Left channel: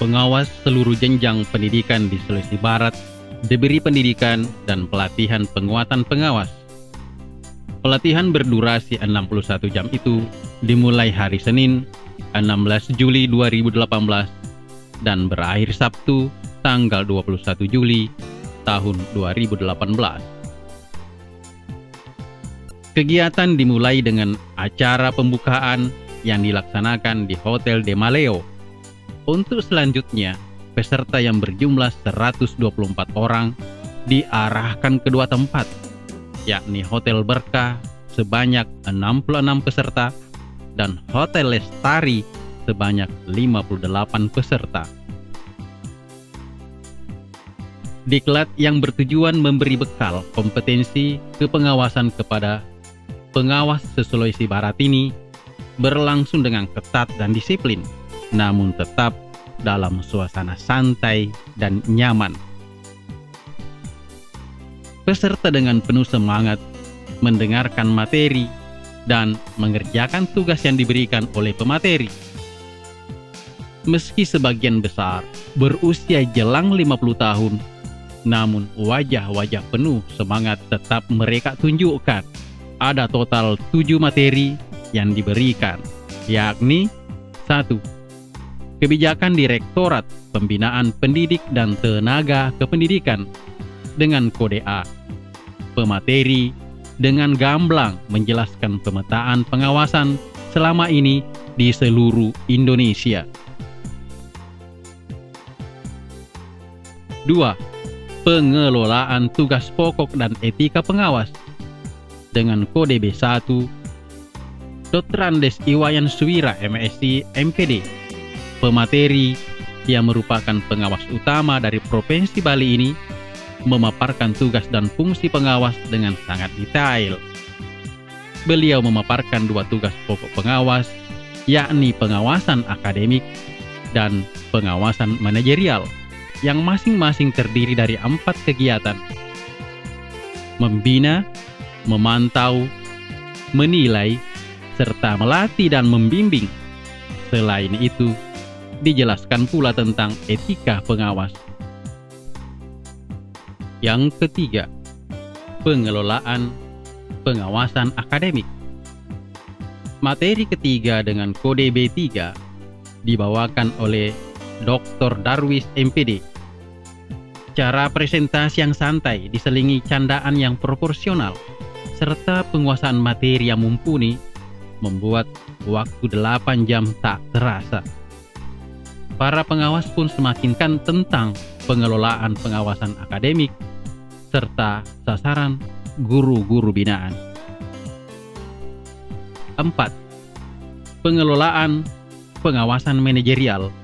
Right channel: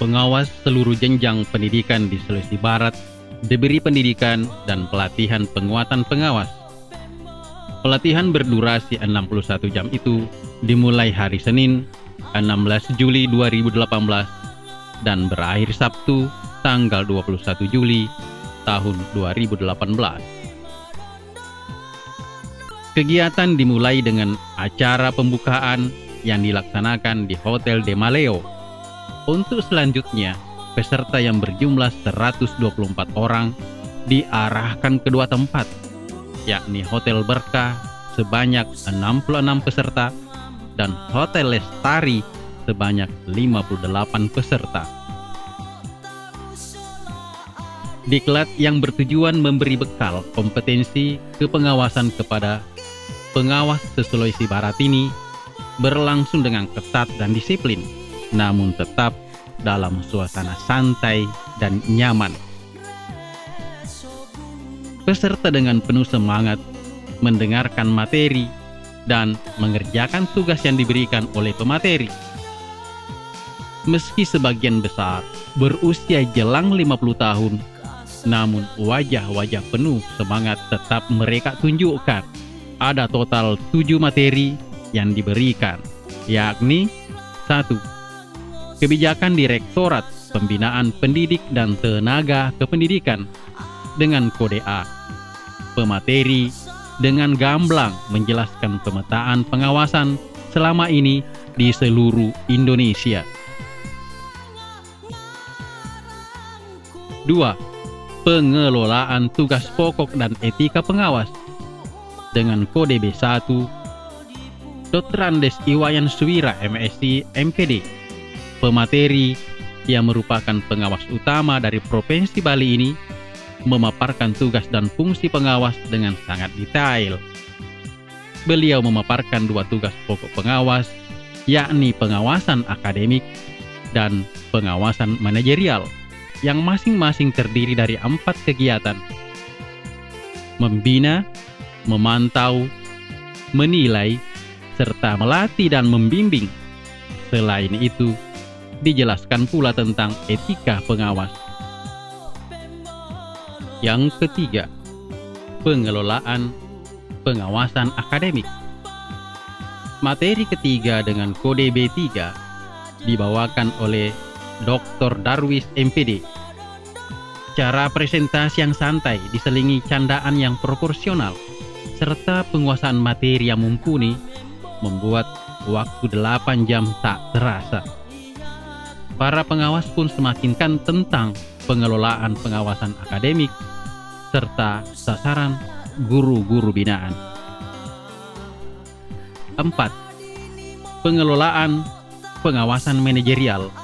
pengawas seluruh jenjang pendidikan di Sulawesi Barat diberi pendidikan dan pelatihan penguatan pengawas. Pelatihan berdurasi 61 jam itu dimulai hari Senin 16 Juli 2018 dan berakhir Sabtu tanggal 21 Juli tahun 2018. Kegiatan dimulai dengan acara pembukaan yang dilaksanakan di Hotel de Maleo. Untuk selanjutnya, peserta yang berjumlah 124 orang diarahkan ke dua tempat, yakni Hotel Berkah sebanyak 66 peserta dan Hotel Lestari sebanyak 58 peserta. Diklat yang bertujuan memberi bekal kompetensi kepengawasan kepada pengawas se-Sulawesi Barat ini berlangsung dengan ketat dan disiplin, namun tetap dalam suasana santai dan nyaman. Peserta dengan penuh semangat mendengarkan materi dan mengerjakan tugas yang diberikan oleh pemateri. Meski sebagian besar berusia jelang 50 tahun, namun wajah-wajah penuh semangat tetap mereka tunjukkan. Ada total 7 materi yang diberikan, yakni 1. Kebijakan Direktorat Pembinaan Pendidik dan Tenaga Kependidikan dengan kode A. Pemateri dengan gamblang menjelaskan pemetaan pengawasan selama ini di seluruh Indonesia. 2. Pengelolaan tugas pokok dan etika pengawas dengan kode B1. Dr. Andes Iwayan Suwira, MSc, MPD, pemateri yang merupakan pengawas utama dari Provinsi Bali ini, memaparkan tugas dan fungsi pengawas dengan sangat detail. Beliau memaparkan 2 tugas pokok pengawas, yakni pengawasan akademik dan pengawasan manajerial, yang masing-masing terdiri dari 4 kegiatan: membina, memantau, menilai, serta melatih dan membimbing. Selain itu, dijelaskan pula tentang etika pengawas. Yang ketiga, pengelolaan pengawasan akademik. Materi ketiga dengan kode B3 dibawakan oleh Dr. Darwis, MPD. Cara presentasi yang santai diselingi candaan yang proporsional serta penguasaan materi yang mumpuni membuat waktu 8 jam tak terasa. Para pengawas pun semakin kan tentang pengelolaan pengawasan akademik serta sasaran guru-guru binaan. 4. Pengelolaan pengawasan manajerial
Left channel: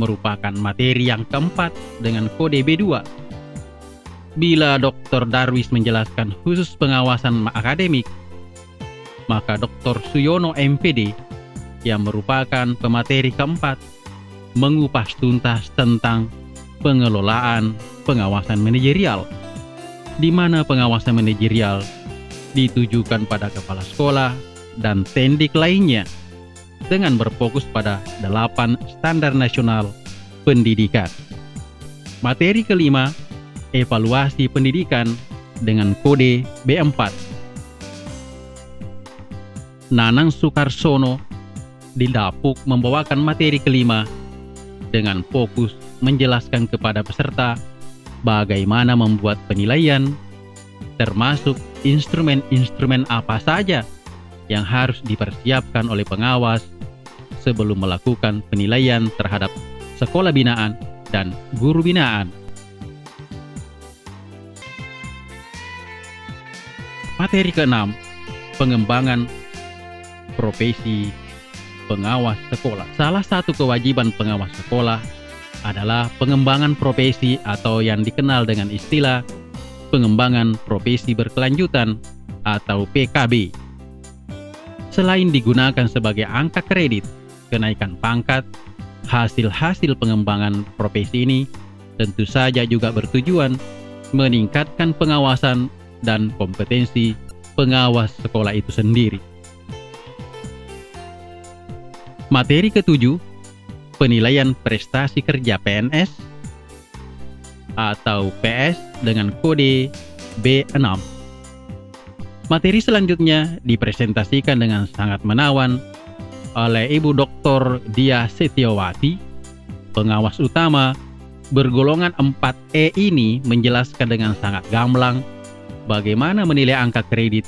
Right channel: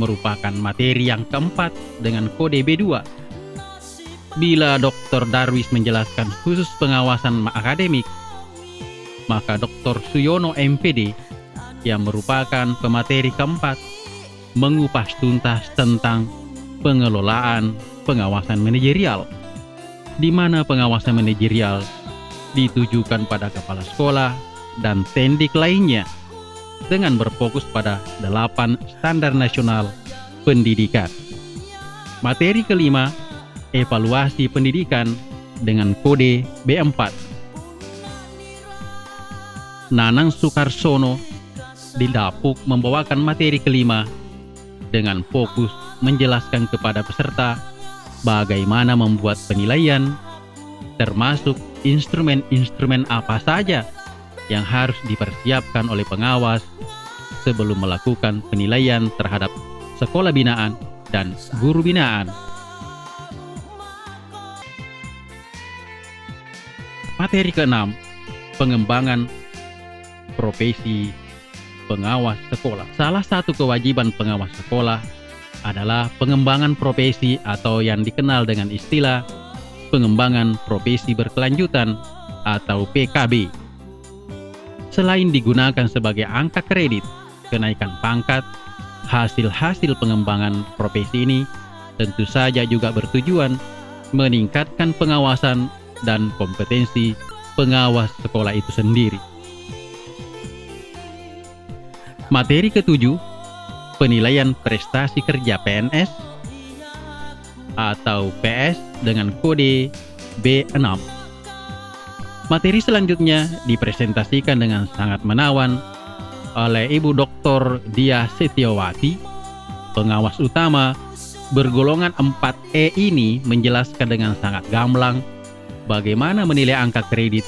merupakan materi yang keempat dengan kode B2. Bila Dr. Darwis menjelaskan khusus pengawasan akademik, maka Dr. Suyono, MPD, yang merupakan pemateri keempat, mengupas tuntas tentang pengelolaan pengawasan manajerial, di mana pengawasan manajerial ditujukan pada kepala sekolah dan tendik lainnya dengan berfokus pada 8 standar nasional pendidikan. Materi kelima, evaluasi pendidikan dengan kode B4. Nanang Sukarsono didapuk membawakan materi kelima dengan fokus menjelaskan kepada peserta bagaimana membuat penilaian, termasuk instrumen-instrumen apa saja yang harus dipersiapkan oleh pengawas sebelum melakukan penilaian terhadap sekolah binaan dan guru binaan. Materi keenam, pengembangan profesi pengawas sekolah. Salah satu kewajiban pengawas sekolah adalah pengembangan profesi atau yang dikenal dengan istilah pengembangan profesi berkelanjutan atau PKB. Selain digunakan sebagai angka kredit, kenaikan pangkat, hasil-hasil pengembangan profesi ini tentu saja juga bertujuan meningkatkan pengawasan dan kompetensi pengawas sekolah itu sendiri. Materi ketujuh, penilaian prestasi kerja PNS atau PS dengan kode B6. Materi selanjutnya dipresentasikan dengan sangat menawan oleh Ibu Dr. Dia Setiawati, pengawas utama bergolongan 4E ini menjelaskan dengan sangat gamblang bagaimana menilai angka kredit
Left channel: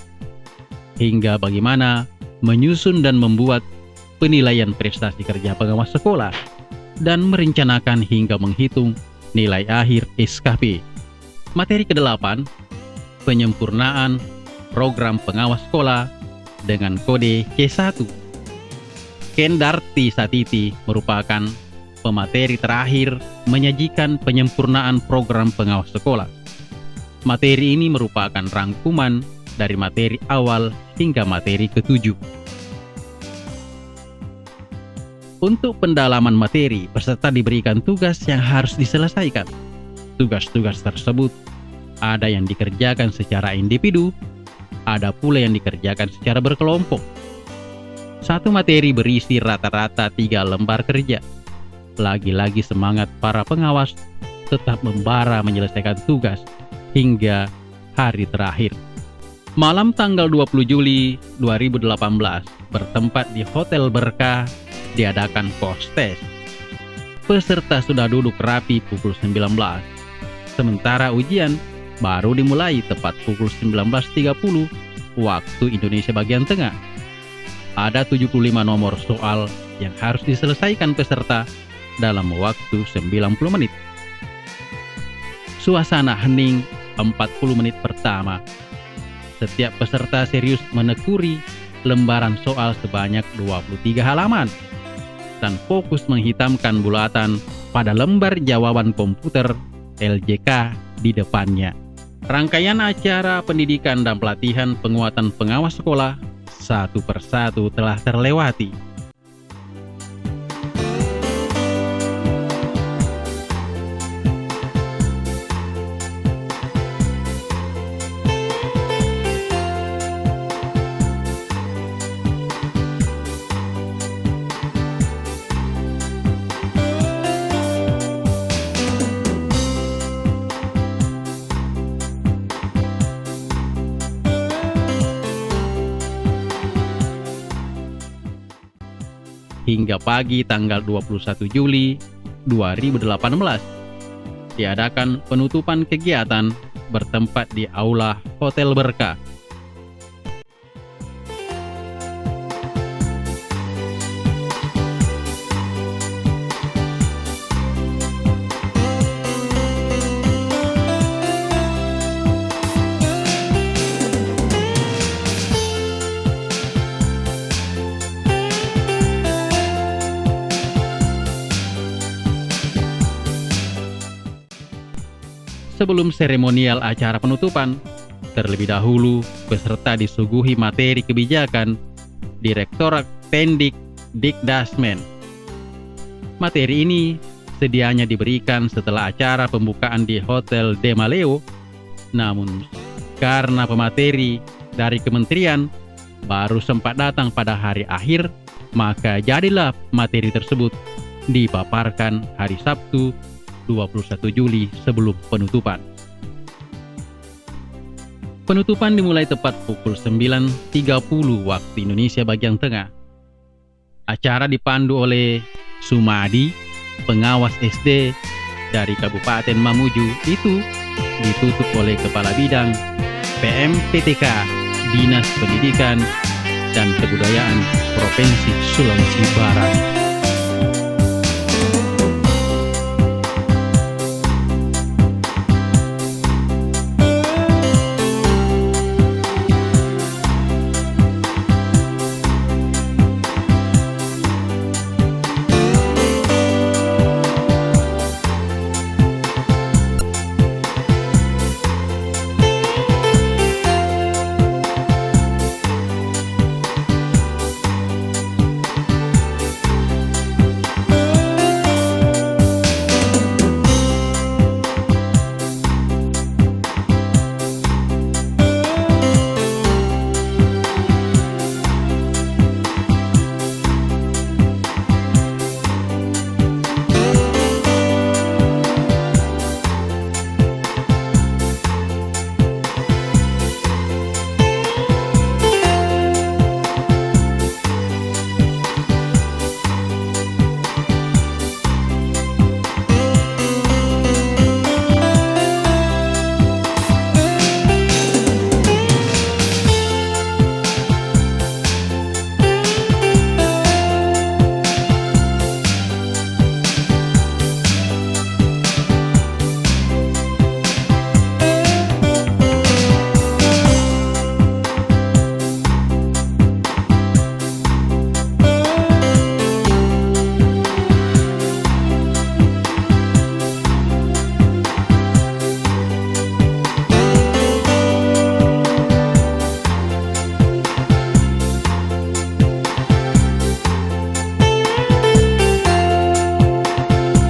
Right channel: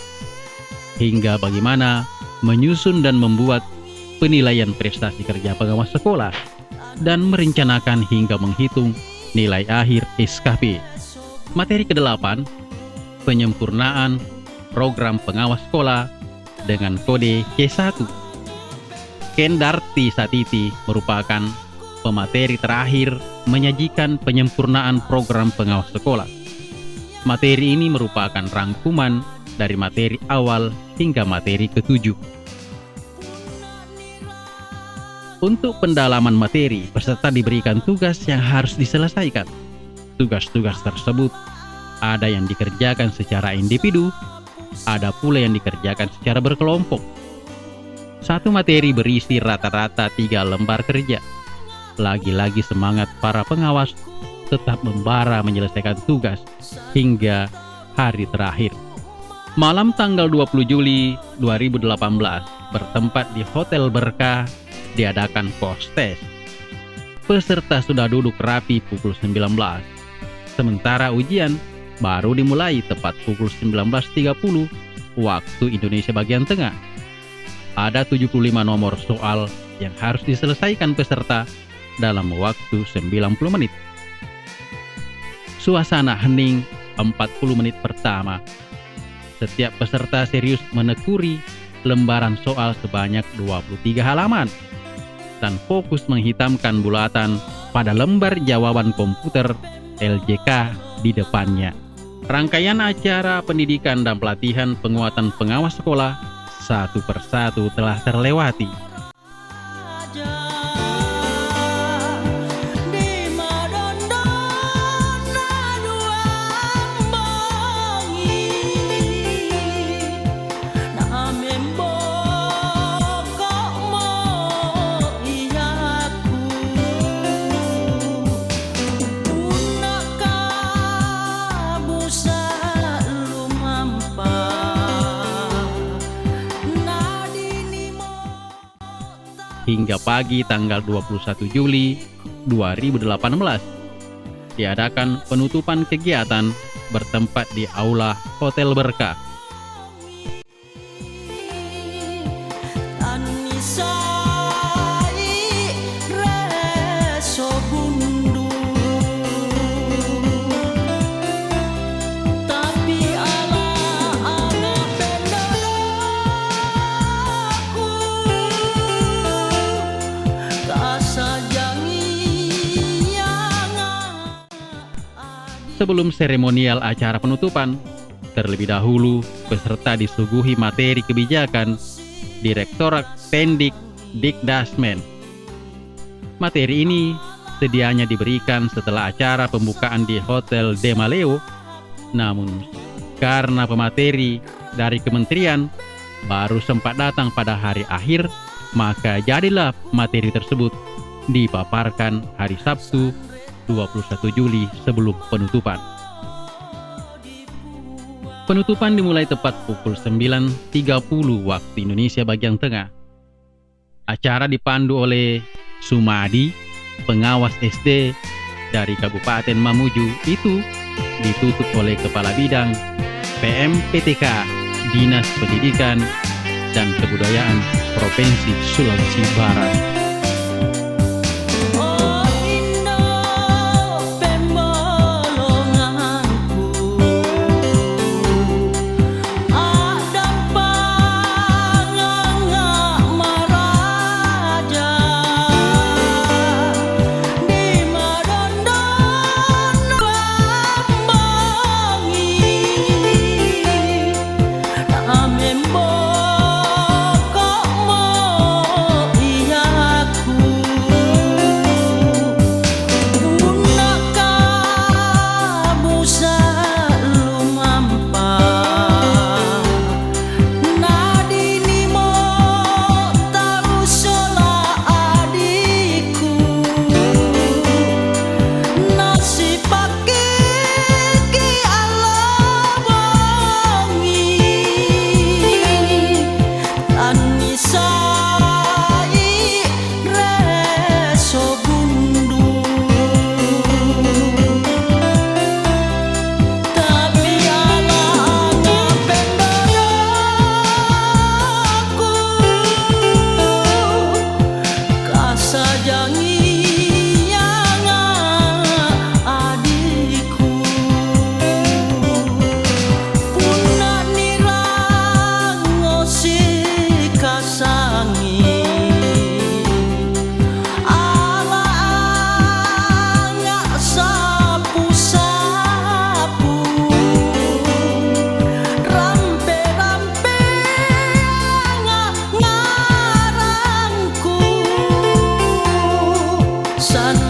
hingga bagaimana menyusun dan membuat penilaian prestasi kerja pengawas sekolah dan merencanakan hingga menghitung nilai akhir SKP. Materi ke-8, penyempurnaan program pengawas sekolah dengan kode K1. Kendarti Satiti merupakan pemateri terakhir menyajikan penyempurnaan program pengawas sekolah. Materi ini merupakan rangkuman dari materi awal hingga materi ke-7. Untuk pendalaman materi, peserta diberikan tugas yang harus diselesaikan. Tugas-tugas tersebut ada yang dikerjakan secara individu, ada pula yang dikerjakan secara berkelompok. Satu materi berisi rata-rata 3 lembar kerja. Lagi-lagi semangat para pengawas tetap membara menyelesaikan tugas hingga hari terakhir. Malam tanggal 20 Juli 2018 bertempat di Hotel Berkah diadakan post-test. Peserta sudah duduk rapi pukul 19. Sementara ujian baru dimulai tepat pukul 19.30 waktu Indonesia bagian tengah. Ada 75 nomor soal yang harus diselesaikan peserta dalam waktu 90 menit. Suasana hening 40 menit pertama. Setiap peserta serius menekuni lembaran soal sebanyak 23 halaman dan fokus menghitamkan bulatan pada lembar jawaban komputer LJK di depannya. Rangkaian acara pendidikan dan pelatihan penguatan pengawas sekolah satu persatu telah terlewati. Hingga pagi tanggal 21 Juli 2018 diadakan penutupan kegiatan bertempat di Aula Hotel Berkah. Sebelum seremonial acara penutupan, terlebih dahulu peserta disuguhi materi kebijakan Direktorat Pendik Dikdasmen. Materi ini sedianya diberikan setelah acara pembukaan di Hotel De Maleo, namun karena pemateri dari kementerian baru sempat datang pada hari akhir, maka jadilah materi tersebut dipaparkan hari Sabtu 21 Juli sebelum penutupan. Penutupan dimulai tepat pukul 9.30 waktu Indonesia bagian tengah. Acara dipandu oleh Sumadi, pengawas SD dari Kabupaten Mamuju. Itu ditutup oleh Kepala Bidang PMPTK Dinas Pendidikan dan Kebudayaan Provinsi Sulawesi Barat. Nadini mo tahu sola adikku. anisai reso bundu tapi ala ngapendodaku kasajangi yang adikku punna nirangosi kasangi ala ngak sapu-sapu rampe-rampe ngarangku san